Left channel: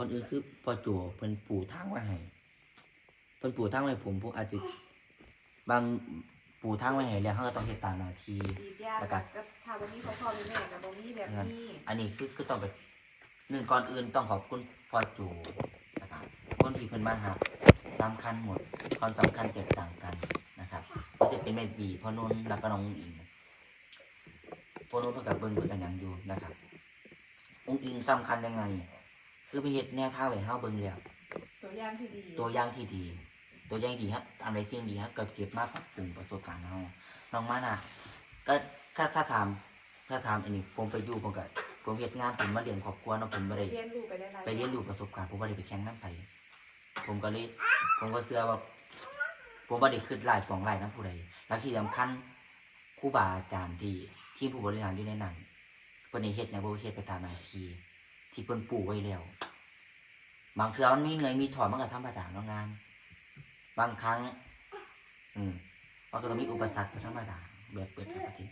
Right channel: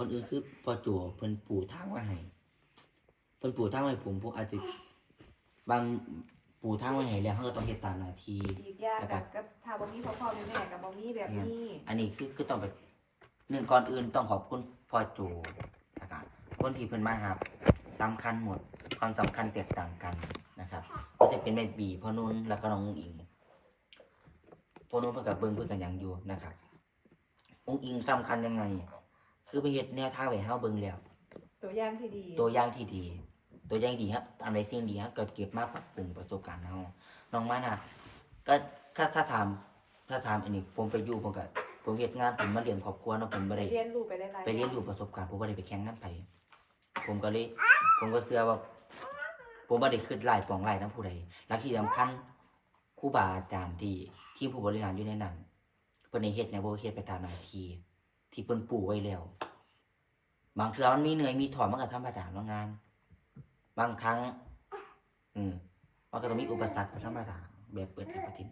คนอื่นคือพอจั่วเพิ่นปู่ทางไว้ให้เพิ่นปู่ทางไว้ผมอาจจะบางปู่ทางไว้ให้แล้วเขาก็ต้องเฮ็ดตามหน้าที่แล้วก็ถ้าบ่มีพ่อแม่กับบ่มีแบบนี้อันนี้คือต้องไปหนึ่งก่อนอื่นต้องขอบคุณพ่อจูนะครับคนที่เพิ่นมาครับสำคัญหมดความสำคัญแตกต่างกันนะครับก็จะเป็นแม่บีพ่อนุ่นแล้วก็น้องอิงพ่อนุ่นเพิ่นกับเบิ่งเพิ่นกันยังอยู่นะครับองค์อิงสำคัญยังไงคือไปเฮ็ดแนวทางไว้เฮาเบิ่งแล้วตัวอย่างที่ดีตัวอย่างที่ดีตัวอย่างดีครับอันใดสิ่งดีครับก็เก็บมาปรับปรุงประสบการณ์เฮาน้องมานะก็ถ้าถามอันนี้ผมไปอยู่ผมเฮ็ดงานผมมาเลี้ยงครอบครัวเนาะผมบ่ได้เรียนรู้ไปเรียนรู้ประสบการณ์ผมบ่ได้ไปแข่งนำไผผมก็เชื่อว่าผมบ่ได้คิดหลายปองหลายนำผู้ใดและที่สำคัญครูบาอาจารย์ที่ทีมผู้บริหารอยู่ในนั้นเพิ่นได้เฮ็ดแนวบ่เฮ็ดไปตามหน้าที่ที่เพิ่นปูไว้แล้วบางเทื่อมันมีเหนื่อยมีถอนมันก็ธรรมดาเนาะงานบางครั้งมันก็ต้องมีอุปสรรคธรรมดาแบบเปิดประเทศ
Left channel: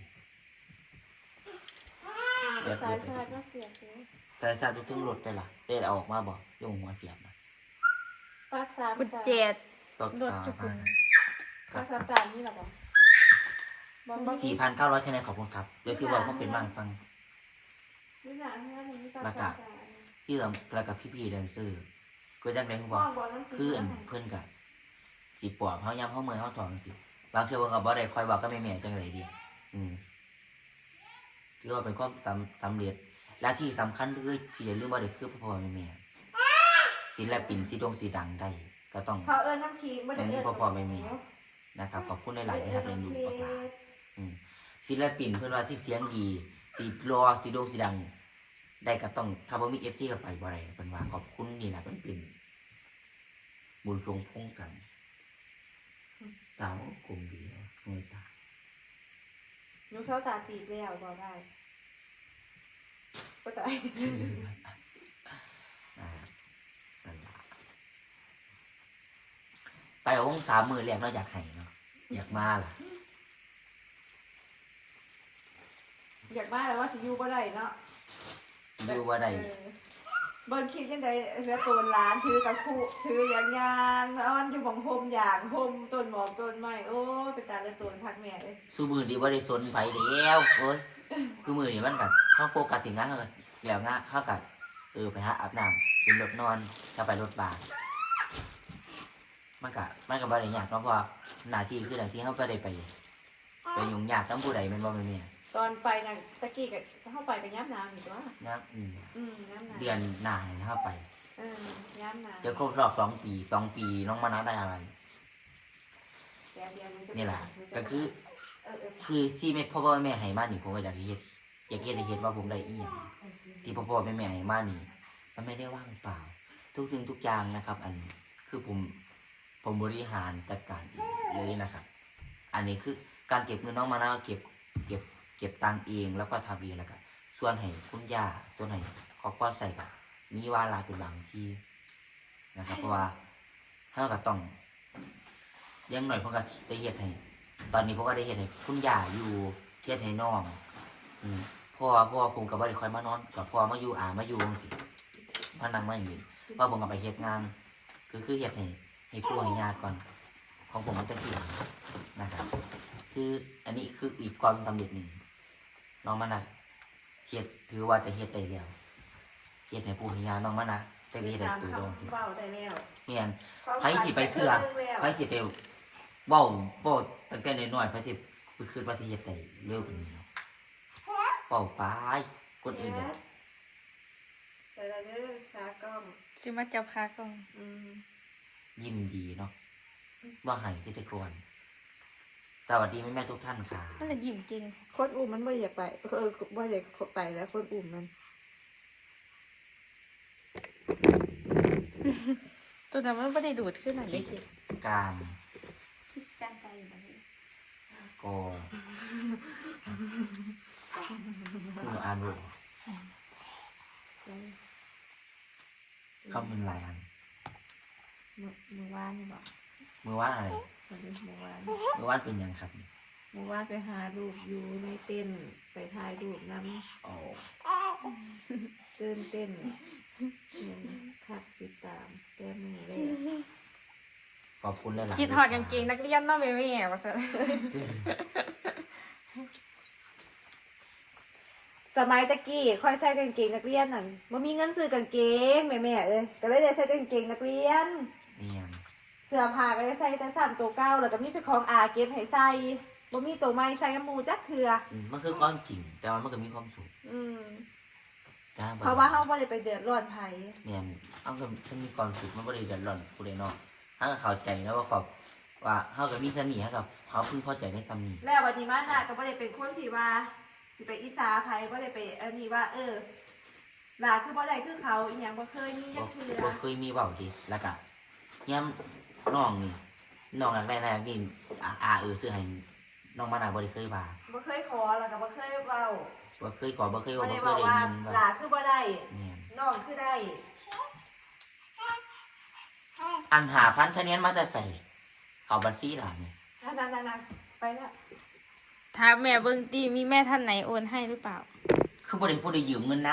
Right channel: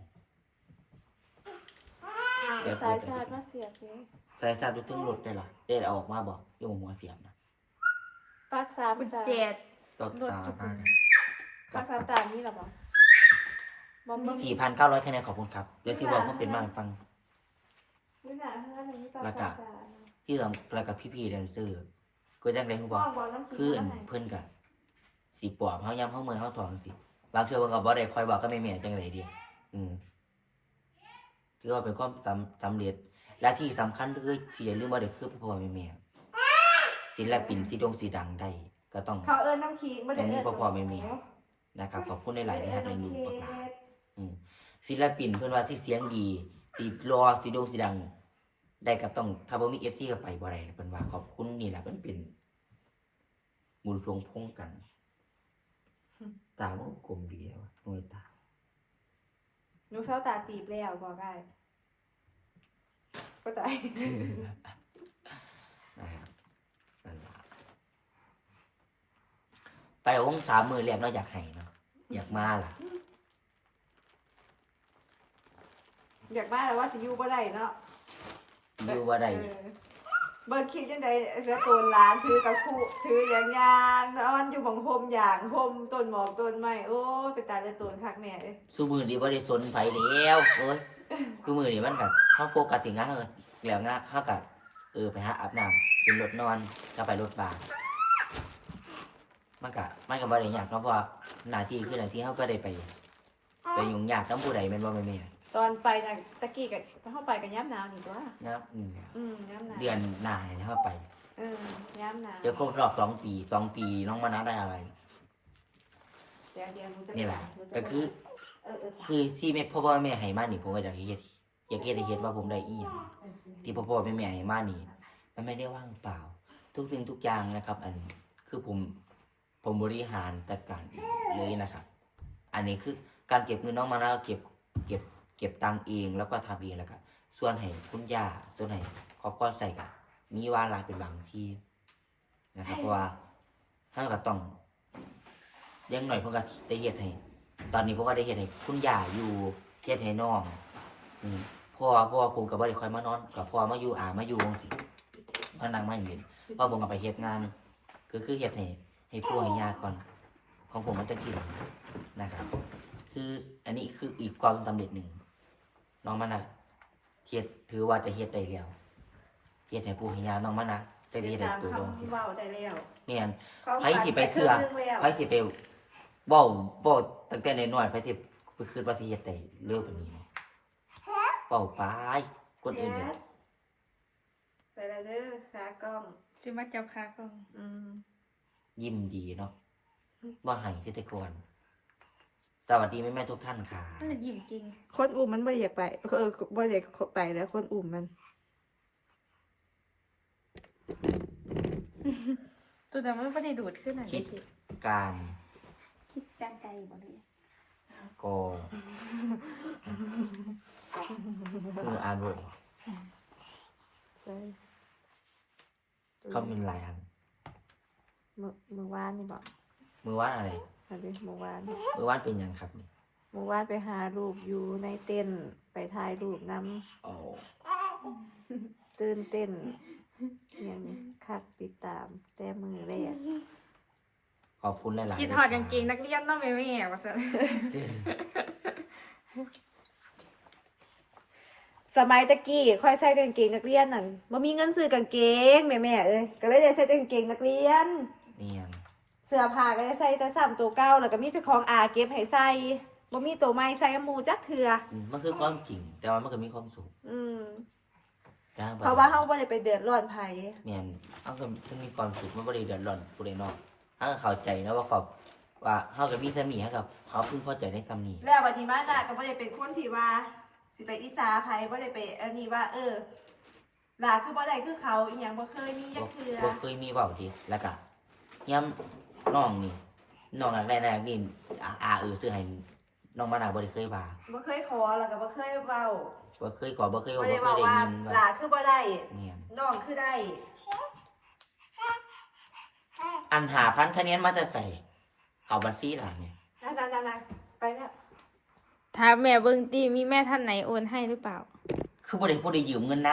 แบบเปิดประเทศแต่ชาติถึงรถได้ล่ะได้เอาออกมาบอกโยมหัวเสียบนะรักษาคุณเจ็ดตกตาบ้างรักษาตานี้หรอ 4,900คะแนนขอบคุณครับเดี๋ยวคือบอกว่าเป็นบ้างฟังแล้วก็ที่แล้วก็พี่ๆแดนเซอร์ก็ยังได้ฮู้บอกคืออันเพิ่นก็สิปอบเฮายามเฮาเมื่อยเฮาถอนสิบางเทื่อเพิ่นก็บ่ได้คอยบอกกับแม่ๆจังได๋ดิถือว่าเป็นความสำเร็จและที่สำคัญคือที่อย่าลืมว่าเด็กคือพ่อแม่ศิลปินสีดงสีดังได้ก็ต้องมีพ่อแม่นะครับขอบคุณหลายๆนะครับในดูปากหลาศิลปินเพื่อนว่าที่เสียงดีสีรอสีดงสีดังได้ก็ต้องถ้าบ่มี FC ก็ไปบ่ได้เพิ่นว่าขอบคุณนี่แหละมันเป็นบุญทรงพงกันตามันกลมดีโอ้ยตาหนูเศร้าตาตีบแล้วบอกได้ก็ใจไปเอาวง3 มื้อแรกเนาะอยากให้เนาะอยากมาล่ะอยากมาแล้วว่าสิอยู่บ่ได้เนาะอยู่บ่ได้เบิ่งคลิปจังได๋เหลือต้นหลานถือกับคู่ถืออย่างยางอ้อนอยู่บังโฮมอย่างโฮมต้นหมอกต้นไม้โอ้ไปตาเป็นต้นคักแม่เด้ซุมื้อนี้บ่ได้สนไผแล้วโอ้ยคือมื้อนี้มันก็เฮาโฟกัสที่งานเฮาก็แล้วงานเฮาก็ไปหาอาบน้ำขึ้นรถนอนก็ไปรถบ้านมันก็บ่ได้ยากเนาะเพราะหน้าที่คือหน้าที่เฮาก็ได้ไปยุ่งยากนำผู้ใดแม่นบ่แม่ตอนไปน่ะตะกี้ก็เฮาไปก็ย้ำนางอยู่ตัวน้ำเดือนหน้าเฮาไปย้ำนางเดี๋ยวครบรอบ2 ปีน้องมะนาวได้อะไรนี่แหละก็คือที่พ่อแม่ให้มานี่ผมก็อยากเฮ็ดให้เฮ็ดว่าผมได้อีหยังที่พ่อแม่ให้มานี่มันไม่ได้ว่างเปล่าทุกสิ่งทุกอย่างนะครับอันคือผมบริหารจัดการเลยนะครับอันนี้คือการเก็บเงินน้องมะนาวเก็บตังค์เองแล้วก็ทำเองแล้วก็ส่วนให้คุณย่าส่วนให้ครอบครัวใส่กับมีวาระเป็นบางที่นะครับเพราะว่าถ้าเราต้องยังหน่อยผมก็ได้เฮ็ดให้ตอนนี้ผมก็ได้เฮ็ดให้คุณย่าอยู่เฮ็ดให้น้องพ่อผมก็บ่ได้ค่อยมานอนกับพ่อมาอยู่มาอยู่จังซี่มานั่งมาเห็นเพราะผมก็ไปเฮ็ดงานคือเฮ็ดให้ปู่ให้ย่าก่อนของผมมันจะกินนะครับคืออันนี้คืออีกความสำเร็จหนึ่งน้องมานะเฮ็ดถือว่าจะเฮ็ดได้แล้วเฮ็ดให้ปู่ให้ย่าน้องมานะจะเฮ็ดได้ตัวดองเว้าได้แล้วเนี่ยไผสิไปเชื่อไผสิไปเว้าตั้งแต่น้อยๆไผสิไปคิดว่าสิเฮ็ดได้เร็วปานนี้เนาะเว้าไปคนอื่นเลยไปแล้วเด้อขากล้องสิมาจับขากล้องยิ้มดีเนาะว่าให้กิจกรสวัสดีแม่ๆทุกท่านค่ะมันยิ้มจริงคนอุ้มมันบ่อยากไปบ่อยากไปแล้วคนอุ้มมันตัวนั้นมันไม่ได้ดูดขึ้นหน่อยสิการใจแบบนี้ก็อ่านบทเขาเป็นหลายอันมือวานนี่บอกมือวานอะไรมือวานเป็นยังครับมือวานไปหารูปอยู่ในเต้นไปถ่ายรูปน้ำตื่นเต้นเนี่ยคักติดตามแต่มือแรกขอบคุณหลายๆคิดถอดกางเกงนักเรียนเนาะแม่ว่าซะสมัยตะกี้ค่อยใส่กางเกงนักเรียนนั่นบ่มีเงินซื้อกางเกงแม่ๆเอ้ยก็เลยได้ใส่กางเกงนักเรียนนี่ยังเสื้อผ้าก็ได้ใส่แต่3ตัวเก่าแล้วก็มีแต่ของอาเก็บให้ใส่บ่มีตัวใหม่ใส่หมู่จักเทื่อมันคือความจริง แต่ว่ามันก็มีความสุขอืมจ้าเพราะว่าเฮาบ่ได้ไปเดือดร้อนไผเนี่ยเอาก็มันมีความสุขมันบ่ได้เดือดร้อนผู้ใดเนาะเฮาก็เข้าใจนะว่าเฮาก็มีซ้ำนี่เฮากับเขาพึงพอใจในซ้ำนี่แล้วบัดนี้มาจ้ะก็บ่ได้เป็นคนที่ว่าสิไปอิจฉาไผบ่ได้ไปนี่ว่าหลาคือบ่ได้คือเขาอีหยังบ่เคยมีจับ่กเทื่อบ่เคยมีเว้าดิแล้วก็ยามน้องนี่น้องหลักได้นี่ซื้อให้น้องมะนาวบ่ได้เคยว่าบ่เคยขอแล้วก็บ่เคยเว้าบ่เคยขอบ่เคยบ่ว่าได้บ่เคเว้ายได้ว่ายินว่าหลาคือบ่ได้เนี่ยน้องคือได้อัน5,000คะแนนมาแต่ใส่เข้าบัญชีหล่ะนี่นั่นๆๆไปแล้วถามแม่เบิ่งติมีแม่ท่านไหนโอนให้หรือเปล่าคือบ่ได้ผู้ใดยืมเงินนะ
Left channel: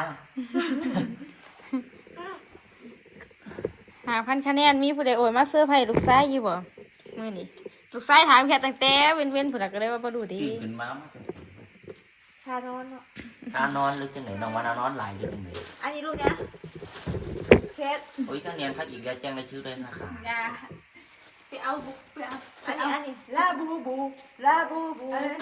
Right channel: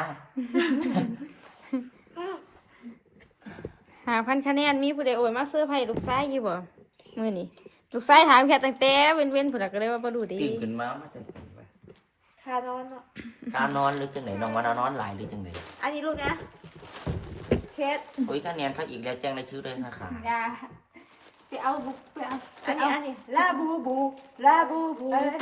5,000 คะแนนมีผู้ใดโอนมาเสื้อร์ไผ่ลูกชายอยู่บ่มื้อนี้ลูกชายถามแค่ตั้งแต่เว้นๆพุ่นน่ะก็เลยว่าบ่รู้ดีตื่นขึ้นมาแต่ใส่ว่าค่านอนเนาะการนอนหรือจังไหนน้องว่านอนหลายหรือจังไหนอันนี้ลูกเนี้ยเคสโอ้ยคะแนนพักอีกแล้วแจ้งรายชื่อด้วยนะคะอย่าไปเอาบุกไปเอาอันนี้ลาบูบูลาบูบู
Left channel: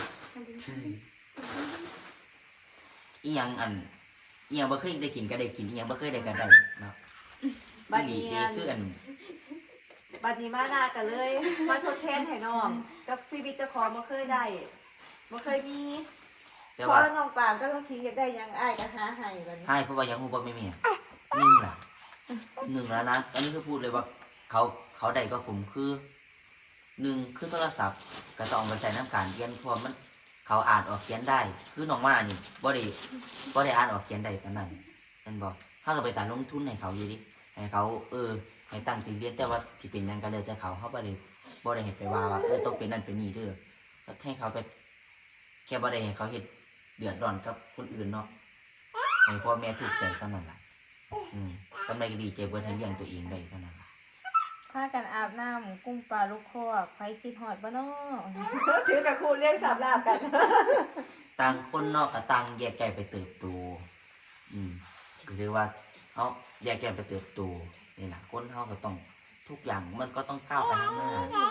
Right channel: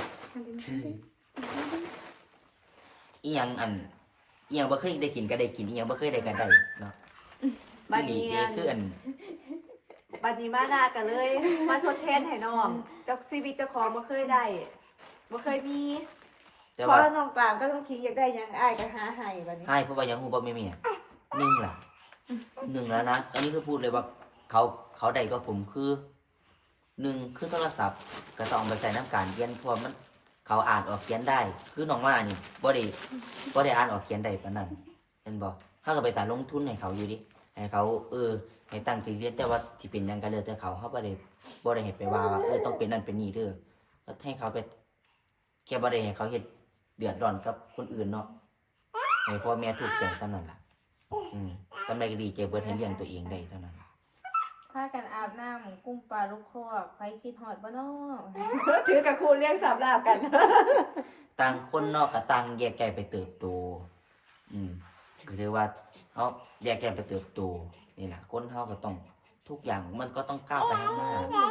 อีหยังบ่เคยได้กินก็ได้กินอีหยังบ่เคยได้ก็ได้เนาะบัดนี่นี้คืออันบัดนี้มาด่ากันเลยมาทดแทนให้น้องเจ้าชีวิตเจ้าของบ่เคยได้บ่เคยมีแต่เพว่าราะน้องปางก็ต้องคิดอยากได้หยังอ้ายก็หาให้บัดนี้ให้เพราะว่ายังฮู้บ่แม่หนึ่งล่ะหนึ่งแล้วนะอันนี้คือพูดเลยว่าเขาได้ก็ผมคือหนึ่งคือโทรศัพท์ก็ต้องเอาไปใส่น้ำการเรียนเพราะมันเขาอ่านออกเขียนได้ คือน้องว่านี่บ่ได้อ่านออกเขียนได้ปานนั้นเห็นบ่เฮาก็ไปตัดลงทุนให้เขาอยู่ดิให้เขาให้ตั้งใจเรียนแต่ว่าสิเป็นหยังก็แล้วแต่เขาเฮาบ่ได้ให้ไปว่าต้องเป็นนั่นเป็นนี่เด้อแล้วให้เขาไปแค่บ่ได้ให้เขาเฮ็ดเดือดร้อนกับคนอื่นเนาะให้พ่อแม่ถูกใจซำนั้นล่ะกำไรก็ดีใจเบิดให้เลี้ยงตัวเองได้เท่านั้นล่ะพากันอาบน้ำกุ้งปลาลูกคอกไผคิดฮอดบ่เนาะถือกับครูเรียกสามดาบกันต่างคนเนอกกับต่างแยกแยกไปเติบโตก็คือว่าเขาแยกแยกไปเติบโตนี่แหละคนเขาก็ต้องทุกอย่างมันก็ต้องก้าวไปข้างหน้า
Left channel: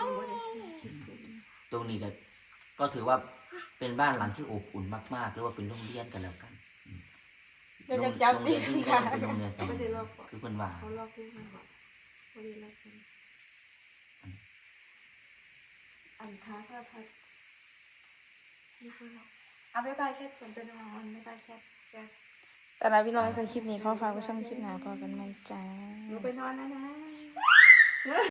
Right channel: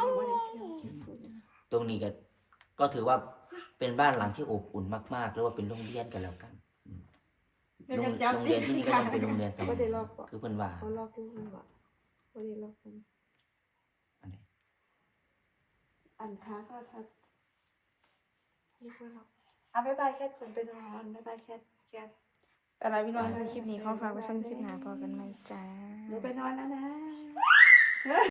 ตรงนี้ก็ถือว่าเป็นบ้านหลังที่อบอุ่นมากๆหรือว่าเป็นโรงเรียนกันแล้วกันเดี๋ยวโรจะงจับเรียนที่นี่ก็ยังเป็นโรงเรียนสมัยคือเพิ่นว่าเขาลอกลูกมันบอกเขาเรียนลอกกันอันท้าก็ทักเอาไปแค่คนเป็นน้องไม่ไปแค่แต่ละพี่น้องในคลิปนี้ขอฝากไว้สำหรับคลิปหน้าพอกันใหม่จ้าหนูไปนอนแล้วนะ